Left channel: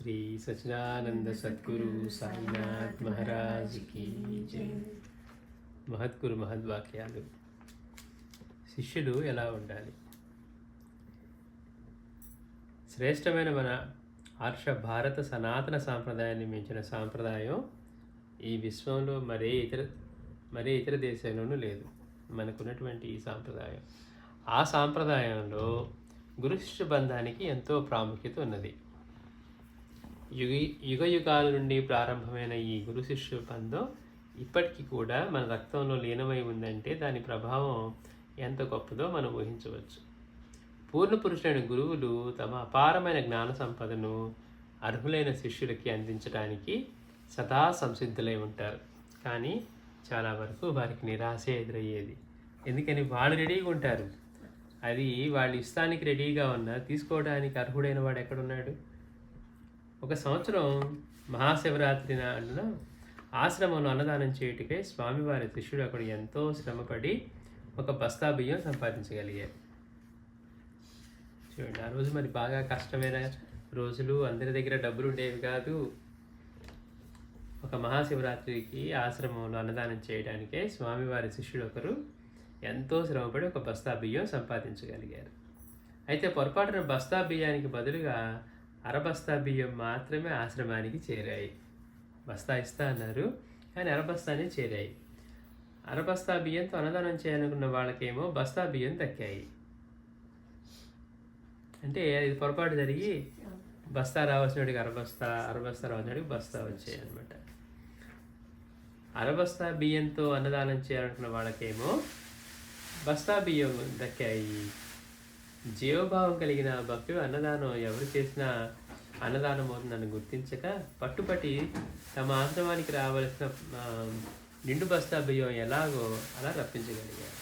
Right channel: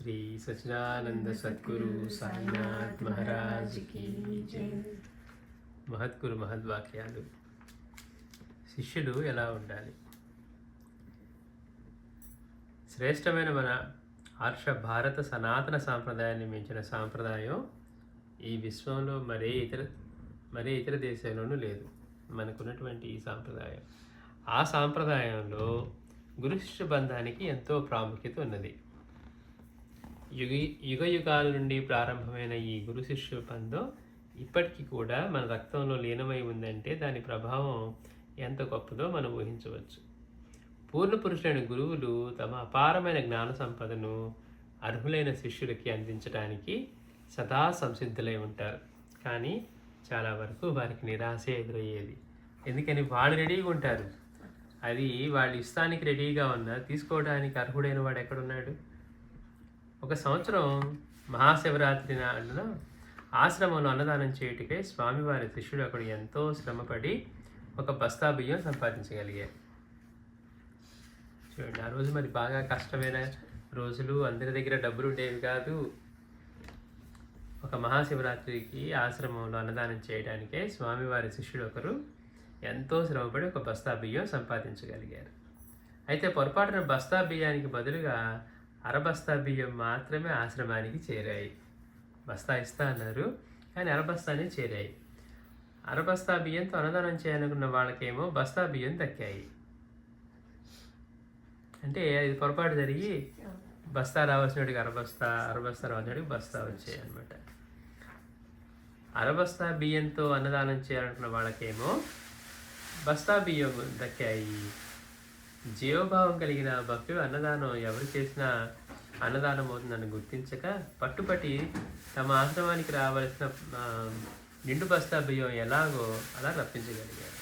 శ్రీ సచిదానంద సద్గురు సాయినాథ్ మహారాజ్ की జై. మహద్గురు మహద్వాక్యాలు. శిష్యులు ఎలా ఉండాలి? శ్రేష్టమైన మన ఆర్ష భారత సనాతన సాంప్రదాయాన్ని మించిన సాంప్రదాయం ఈ విశ్వంలో మరే ఇతర దేశంలోనూ లేదు. మనకున్నటువంటి ఈ సాంప్రదాయం, ఆ సాంప్రదాయంలో గురు శిష్య బంధానికి ఎంతో ప్రాముఖ్యత ఉన్నది. యుగ యుగాల నుండి ప్రారంభమైన ఈ గురు శిష్య బంధం ఇప్పటికీ కూడా మన రక్తంలో లీనమై ఉందంటే దాని ప్రభావం ఎంత గొప్పదో మనం ఊహించవచ్చు. పూర్ణ పురుషులైన గురువులు తమ అపారమైన జ్ఞాన సంపదను అర్హులైన శిష్యులకి అందించడానికి సదా సంసిద్ధులై ఉంటారు. కానీ చాలా వరకు వారికి నిరాశే ఎదురయ్యేది. ఎందుకని వాళ్ళు రెడీగా ఉంటారు, అది వాళ్ళ ఇష్టానికి రెడీగా ఉన్నా తీసుకోవడానికి అర్హుడైన వాడు ఎక్కడున్నాడు? ఒక సంవత్సరం మహాశివరాత్రి నాడున ఆశ్రమంలో అన్నదానం చేయుటకై స్వామివారి శిష్యుడు అక్కడ ఎంతో శ్రమపడి ఒక బస్తా బియ్యం సంపాదించగలిగారు. చూడండి, ఆ రోజు మరి బాగా కష్టమైన రోజులు, అందరి దగ్గర డబ్బులు ఉండేవి కాదు. ఒక మహాశివరాత్రికి ఆశ్రమంలో అన్నదానం చేయడానికే స్వామివారి శిష్యుడు ఒకరు ఎంతో శ్రమపడి ఒక బస్తా బియ్యం సంపాదించగలిగారు. అయితే పొరపాటున బస్తా బియ్యానికి బదులుగా అరబస్తా బియ్యం మాత్రమే ఆశ్రమానికి చేరాయి. బస్తా ఇస్తా అన్నారు, కానీ అరబస్తానే చేరాయి. అరబస్తా బియ్యంతో అన్నదానం చేయాలనుకున్న వాళ్ళకేమో బస్తా బియ్యం దక్కాయి. అంటే ఇది పొరపాటు జరిగి బస్తా రావాల్సినడికి అరబస్తా రావాల్సినడికి బస్తా వచ్చాయి అనమాట. అరబస్తా బియ్యంతో అన్నదానం చేయాలనుకున్న వాళ్ళకేమో బస్తా బియ్యం దక్కాయి. జీవభావం కలిగిన భక్తుడు అన్నదానం ఎవరు చేసినా అన్నదానం అవుతుందని గుర్తించక పట్టుపట్టి తమ ఆశ్రమానికి రావాల్సిన నిండు బస్తా బియ్యం ఎలాగో అలా రప్పించగలిగారు.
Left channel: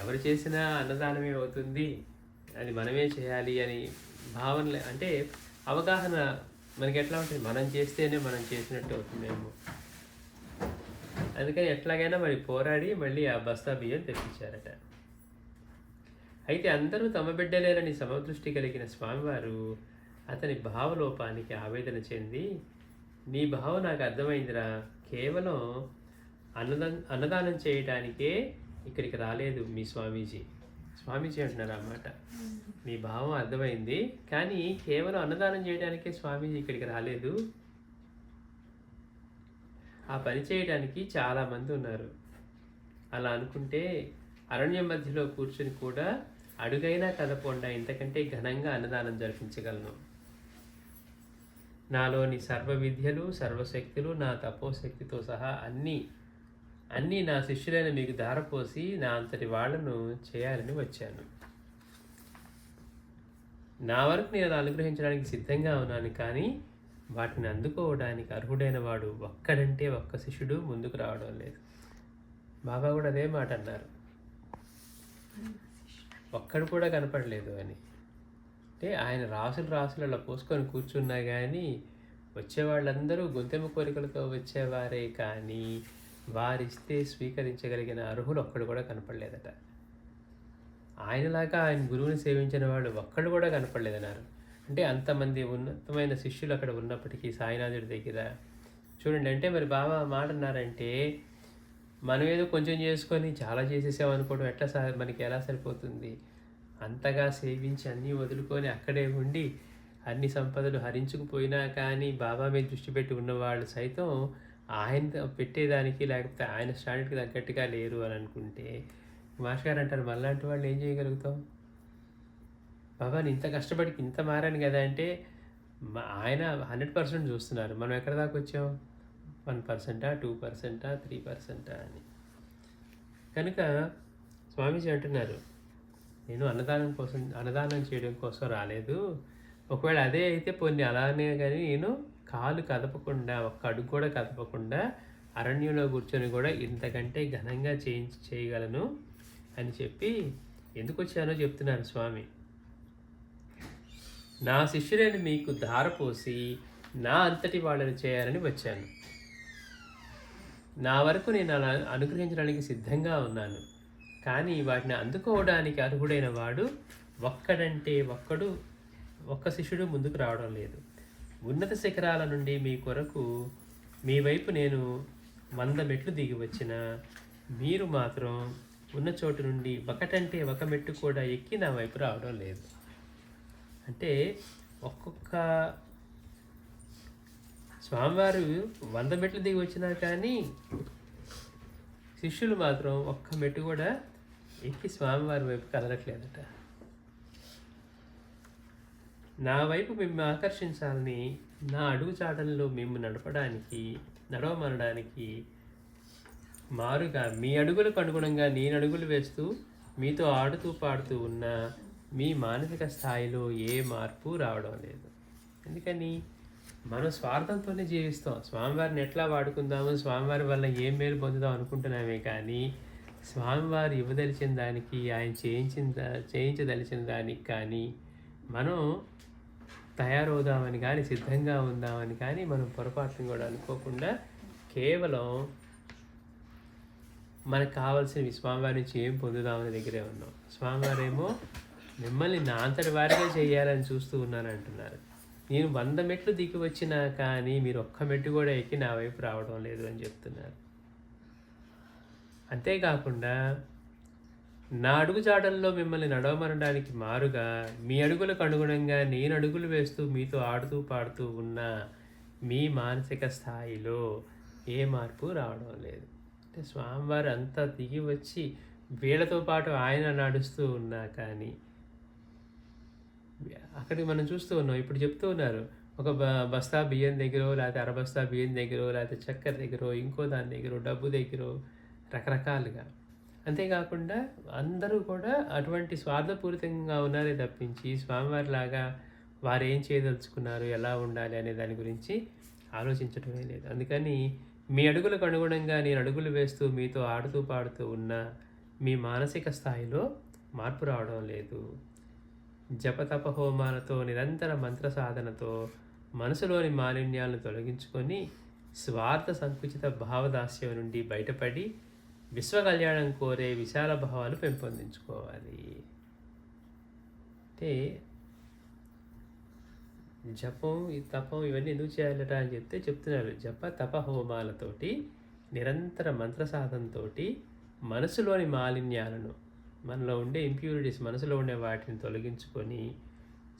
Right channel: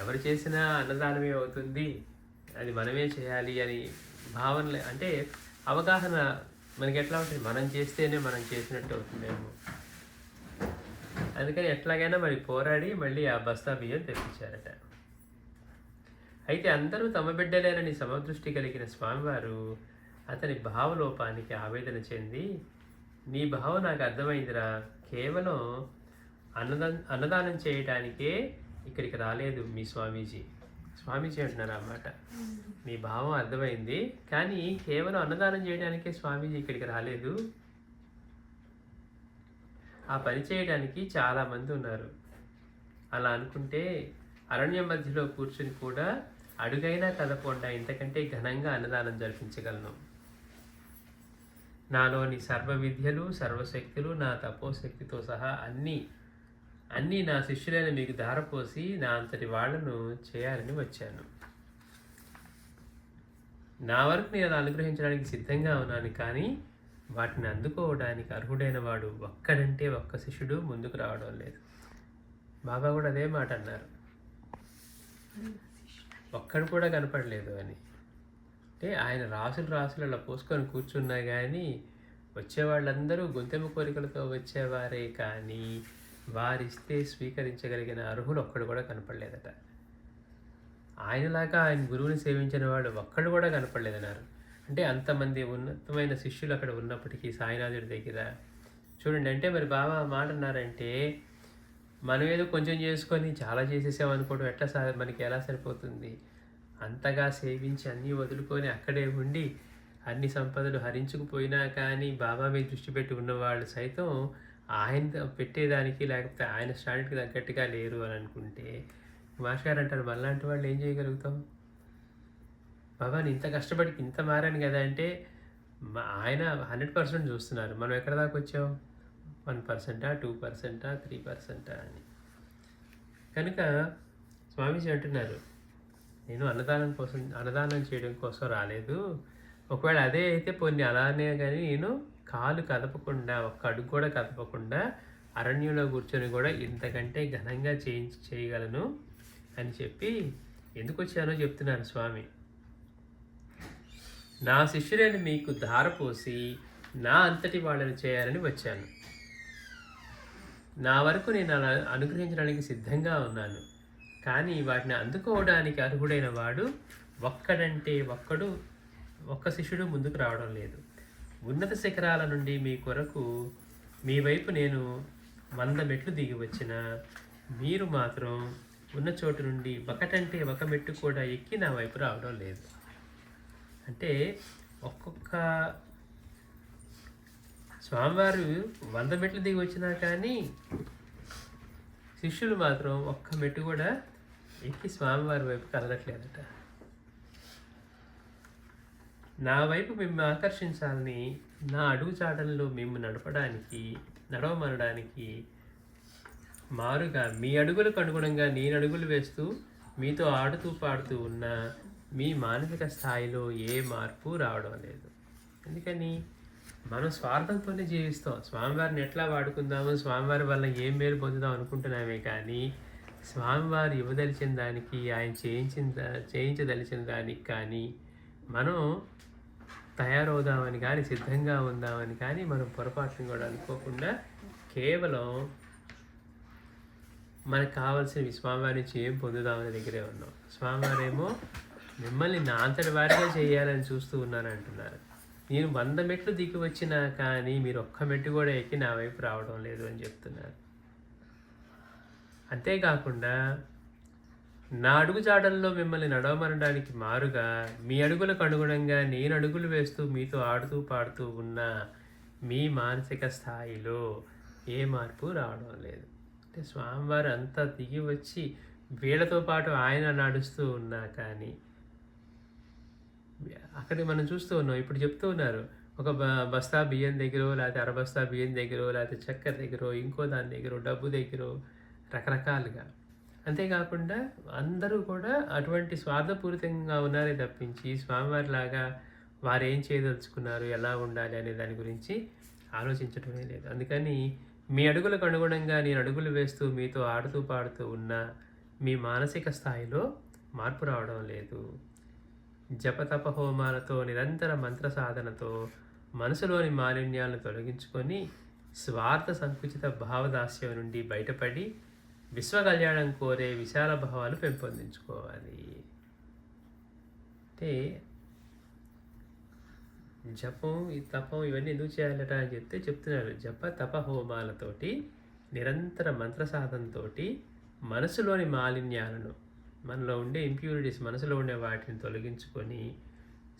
ఎవరు చేసినా అన్నదానమే అవుతుంది, అది మనమే చేయాలి అని భావన, అంటే అవగాహన మనకి ఎట్లా ఉంటుంది, మనం చేస్తేనే మనం చేసినట్టు అవుతుందేమో. అందుకని ఎట్లాగైనా మరి పోరాడి మళ్ళీ ఆ బస్తా బియ్యం తెప్పించారట. అయితే అందరూ తమ బిడ్డలేనని సమదృష్టి కలిగిన స్వామివారు అతని భావలోపానికి ఆవేదన చెంది, నీ భావం నాకు అర్థమైందిరా, కేవలం అన్నదానం చేయడానికే ఇక్కడికి రాలేదు మీ స్వామీజీ అంటున్నారు అన్నమాట. మీ భావం అర్థమైంది, కానీ కేవలం అన్నదానం చేయడానికే స్వామీజీ ఇక్కడికి రాలేదు. ఆ పని చేయడానికి చాలామంది ఉన్నారు. అలా అనుకుంటే అరణ్యం మధ్యలో కూర్చుని కూడా అడుగైనా కదపకుండా ఇంతకంటే ఘనంగా అన్నదానం జరిపించగలను. నాలోని సర్వ విద్యలు, సర్వశక్తులు, నా తపోశక్తితో సహా అన్నీ నా శిష్యులైన మీకు ధారపోసి నా అంతటి వాళ్లను చేయాలని వచ్చాను. నా వరకు నేను అనుగ్రహించడానికి సిద్ధంగా ఉన్నాను, కానీ వాటిని అందుకోవడానికి అర్హుడైన వాడు ఒక్కడంటే ఒక్క శిష్యుడు ముందుకు రావడం లేదు. బాబా కూడా అదే మాట అన్నారు, ఒక్కడు కూడా కనపడలేదు అని. అంటే ఆయన రాసులు అలా పోసుకొని కూర్చున్నా కానీ వచ్చేవాళ్ళందరూ గొంతెమ్మ కోరికలతో వచ్చేవారే, కానీ వారిస్తే స్వీకరించగలిగిన అర్హులు ఒక్కడు కూడా కనపడలేదట. ఆయనలాగా ఆయన గురువుని సేవించిన వాళ్ళు ఒక్కడు కూడా కనపడలేదన్నారు. అంటే అంతమంది ఉన్నతమైన శిష్యులు అక్కడ ఉన్నప్పటికీ సాయినాథుడి దగ్గర చూడండి. అంటే మరి బాబా మాట అన్నారంటే మనం ఏదో కొంచెం చేసుకొని చాలా చేసేసామనుకోవడం మనకి ఎలా సరిపోతుంది? అంతగా సేవించి అన్నీ వదులుకొని అక్కడే ఉండి అన్ని సంపదలు హరించుకుపోయినా కానీ బాబా మీద దృష్టి పెట్టి ఉన్నవాళ్ళు సైతం ఆయన పెట్టేదానికి, లేకపోతే ఆయన స్టాండర్డ్కి తగ్గట్టుగా లేరు అని అనుకుంటే మాస్టర్ గారు అంటారు, మళ్ళాంటి వాళ్ళు ఏం చేయగలుగుతాం? బాబాని ఇంత కష్టపడి ఇంత మారాను కదా అంటే ఆయన 100% చూస్తున్నారు. మనం ఎక్కడ దాకా వచ్చాం? 1%, 2%, 3% అని. కనుక స్వామీజీ అంటున్నారు, నేను అన్నదానం చేయడం కోసం రాలేదు. ఒకవేళ అదే అయితే పోనీ అలానే, కానీ నేను కాలు కదపకుండా, ఒక్క అడుగు కూడా కదపకుండా అరణ్యంలో కూర్చొని కూడా ఇంతకంటే ఘనంగా చేయగలను అని చెప్పి ఎందుకు వచ్చానో చెప్తున్నారు స్వామి. నా శిష్యులను మీకు ధారపోసి నా అంతటి వాళ్ళని చేయాలని వచ్చాను. నా వరకు నేను అనుగ్రహించడానికి సిద్ధంగా ఉన్నాను, కానీ వాటిని అందుకోవడానికి అర్హుడైన వాడు ఒక్క శిష్యుడు ముందుకు రావడం లేదు. ఉన్నత శిఖరాల నుండి మీ కొరకు మీ వైపు నేను 100 మెట్లు దిగి వచ్చిన మీరు మాత్రం ఉన్న చోటు నుండి ఒకటంటే ఒక మెట్టు కూడా ఎక్కి నా వైపు రావడం లేదు. అంటే ఒక్కొక్క స్వామివారు 100 మెట్లు దిగి వచ్చినా కానీ శిష్యులు మాత్రం ఒక్క మెట్టు కూడా ఎక్కి స్వామివారి వైపు కదలట్లేదట. నా వైపు మిమ్మల్ని ఆకర్షించాలని, నా అడుగుచాటల్లో మేము నడవమనడానికి మారుగా మీ అడుగులకు అనుగుణంగా నేను అడుగులు వేస్తూ మీతో ఆడుతూ పాడుతూ ఉన్న మీ మానసిక స్థాయిలో ఏ మార్పు రావడం లేదు. ఎందుకని మనం స్వార్థంతోనే జీవిస్తాం. స్వామివారిని ఎట్లా వాడుకుందాము, స్వామివారి వల్ల ఏం మేలు పొందుదాం అనుకుంటున్నామే కానీ స్వామివారు ఇవ్వదలిచిన దానికి, ఆయన చేయించదలిచిన దానికి కానీ మనం తయారవుదామని కానీ, సిద్ధంగా ఉందామని కానీ మనం పొరపాటును కూడా అనుకోకుండా కేవలం మనకు కావాల్సినవి స్వామివారి నుంచి ఏం పొందుదామని దగ్గరే ఉన్నాం. స్వామివారేమో మిమ్మల్ని నా అంతటి వారిగా చేయాలని చూస్తూ ఉన్నాను అంటున్నారు. నేను 100 మెట్లు దిగి వచ్చినా కానీ మీరు ఒక్క మెట్టు కూడా ఎక్కి నా వైపు రావడం లేదు అని చెప్తున్నారు. అంతేకాకుండా నా అడుగుజాడల్లో మిమ్మల్ని నడవమనడానికి మారుగా మీ అడుగులకు అనుగుణంగా నేను అడుగులు వేస్తూ మీతో ఆడుతూ పాడుతూ ఉన్న మీ మానసిక స్థాయిలో ఏ మార్పు రావడం లేదు. అంటే స్వామివారు అంతా దిగి వచ్చి వీళ్ళతో పాటు ఆయన నడుస్తూ ఉన్నా కానీ అక్కడికి మనం చూస్తూ ఉన్నాం. ఇప్పుడు చెప్తూ ఉన్నారు, ఒక బస్తా బియ్యం దగ్గరో, లేకపోతే అరబస్తా బియ్యం దగ్గరో, లేకపోతే చక్కెర దగ్గరో, ఇంకో దాని దగ్గరో, డబ్బు దగ్గరో, రకరకాలుగా. అంతేకాకుండా అందరూ కూడా అటువంటి స్వార్థపూరితంగా ఉన్నారే తప్పించి స్వామివారిలాగా వారు ఏం చేయదలుచుకున్నారు, ఎలా ఉండాలి అనే దాని గురించి ఆలోచించటమే లేదు. అందుకని మీ అడుగులకు అనుగుణంగా నేను అడుగులు వేస్తూ మీతో ఆడుతూ పాడుతూ ఉన్న మీ మానసిక స్థాయిలో మార్పు రావడం లేదు. జపతప హోమాలతో, నిరంతర మంత్ర సాధనతో మనసులోని మాలిన్యాలను తొలగించుకొని స్వార్థ సంకుచిత భావదాస్యం నుండి బయటపడి విశ్వ కళ్యాణం కోరే విశాల భావాలు పెంపొందించుకోవాలి. అంటే జపం, ఈ తపం ఇవన్నీ ఎందుకు చేయాలట అని చెప్తున్నారు. జప తప హోమాలతోటి, నిరంతర మంత్ర సాధనతో మనసులోని మాలిన్యాలను, మనలో ఉండే ఇంప్యూరిటీస్, మనసులో ఉండే వాటిని తొలగించుకొని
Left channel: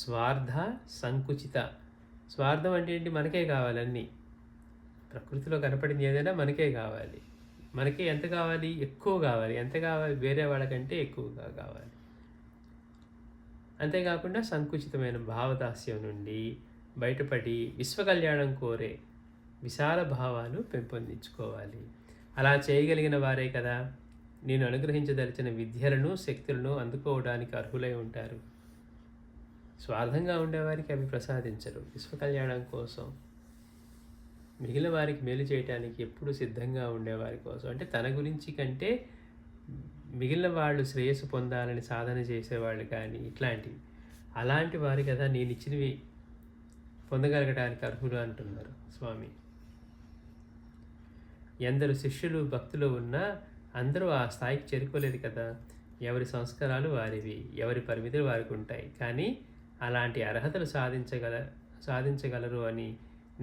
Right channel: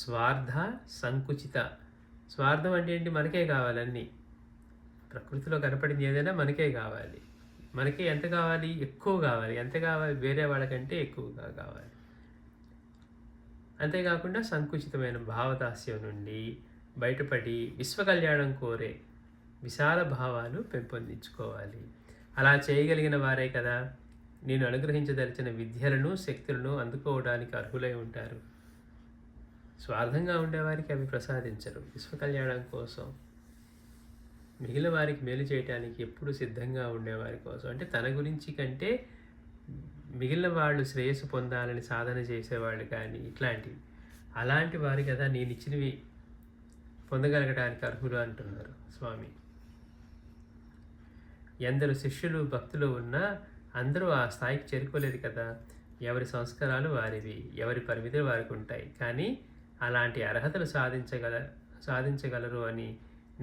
స్వార్థ సంకుచిత, స్వార్థం అంటే ఏంటి, మనకే కావాలన్నీ, ప్రకృతిలో కనపడింది ఏదైనా మనకే కావాలి. మనకి ఎంత కావాలి, ఎక్కువ కావాలి. ఎంత కావాలి, వేరే వాళ్ళకంటే ఎక్కువగా కావాలి. అంతేకాకుండా సంకుచితమైన భావదాస్యం నుండి బయటపడి విశ్వ కళ్యాణం కోరే విశాల భావాలు పెంపొందించుకోవాలి. అలా చేయగలిగిన వారే కదా నేను అనుగ్రహించదలిచిన విద్యలను, శక్తులను అందుకోవడానికి అర్హులై ఉంటారు. స్వార్థంగా ఉండేవారికి అవి ప్రసాదించరు. విశ్వ కళ్యాణం కోసం, మిగిలిన వారికి మేలు చేయడానికి ఎప్పుడు సిద్ధంగా ఉండేవారి కోసం, అంటే తన గురించి కంటే మిగిలిన వాళ్ళు శ్రేయస్సు పొందాలని సాధన చేసేవాళ్ళు కానీ ఇట్లాంటివి, అలాంటి వారి కదా నేను ఇచ్చినవి పొందగలగడానికి అర్హులు అంటున్నారు స్వామి. ఎందరు శిష్యులు భక్తులు ఉన్నా అందరూ ఆ స్థాయికి చేరుకోలేదు కదా. ఎవరి సంస్కారాలు వారివి, ఎవరి పరిమితులు వారికి ఉంటాయి. కానీ అలాంటి అర్హతలు సాధించగలరు అని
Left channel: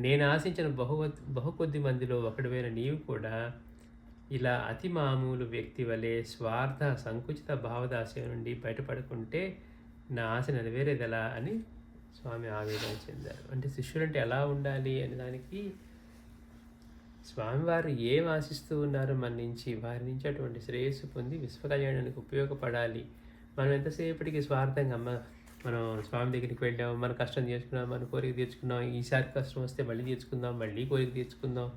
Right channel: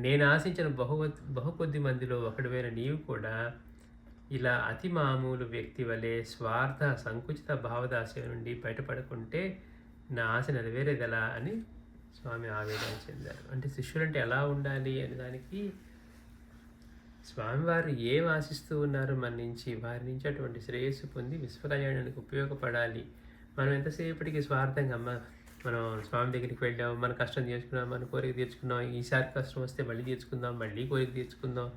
నేను ఆశించిన బహుకొద్ది మందిలో ఒకడివైన నీవు కూడా ఇలా అతి మామూలు వ్యక్తి వలె స్వార్థ సంకుచిత భావదాస్యం నుండి బయటపడుకుంటే నా ఆశ నెరవేరేదెలా అని స్వామి ఆవేదన చెందారు. అంటే శిష్యులంటే ఎలా ఉండాలి అనే దానికి స్వామివారు ఏం ఆశిస్తూ ఉన్నారో మన నుంచి, వారి నుంచి అటువంటి శ్రేయస్సు పొంది విశ్వ కళ్యాణానికి ఉపయోగపడాలి. మనం ఎంతసేపటికి స్వార్థంగా మనం స్వామి దగ్గరికి వెళ్ళాం, మన కష్టం తీర్చుకున్నాం, మన కోరిక తీర్చుకున్నాం, ఈసారి కష్టం వస్తే మళ్ళీ తీర్చుకుందాం, మళ్ళీ కోరిక తీర్చుకుందాం,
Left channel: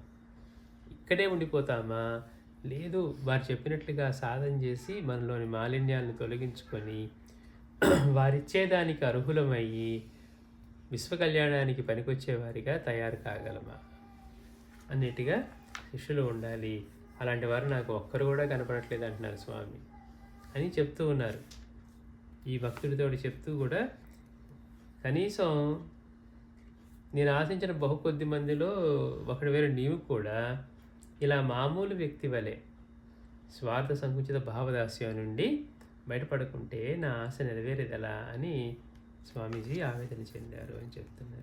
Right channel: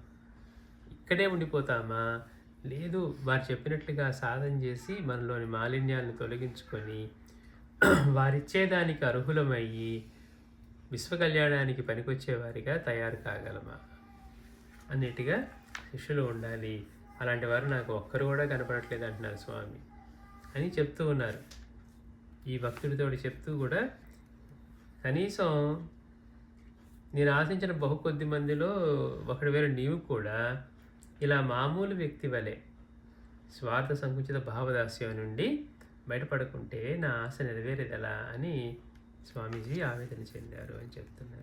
ఇక్కడే ఉండిపోతామా? లేదు, వారు చెప్పినట్లుగా సాధన చేసి మనలోని మాలిన్యాలను తొలగించుకొని వారిచ్చేదానికి అర్హులమయ్యి విశ్వ కళ్యాణానికి పనికొచ్చేవారిగా తయారు కాగలమా అన్నిటిగా శిష్యులు ఉండాలి. అలాంటి వారు నాకు ఒక్కరు కూడా కనపడట్లేదు అంటున్నారు స్వామి అని చెప్తూ ఉన్నారు. ఈ భక్తుడితో చెప్తూ కూడా కనీసం నేను ఆశించిన బహుకొద్ది మందిలో ఒకటి నీవు కూడా ఇలా మామూలు వ్యక్తి వలె స్వార్థ సంకుచిత భావదాస్యం నుండి బయటపడకుంటే నా ఆశ నెరవేరేదెలా అని స్వామీజీ ఆవేదన చెందారు అని చెప్తున్నారు.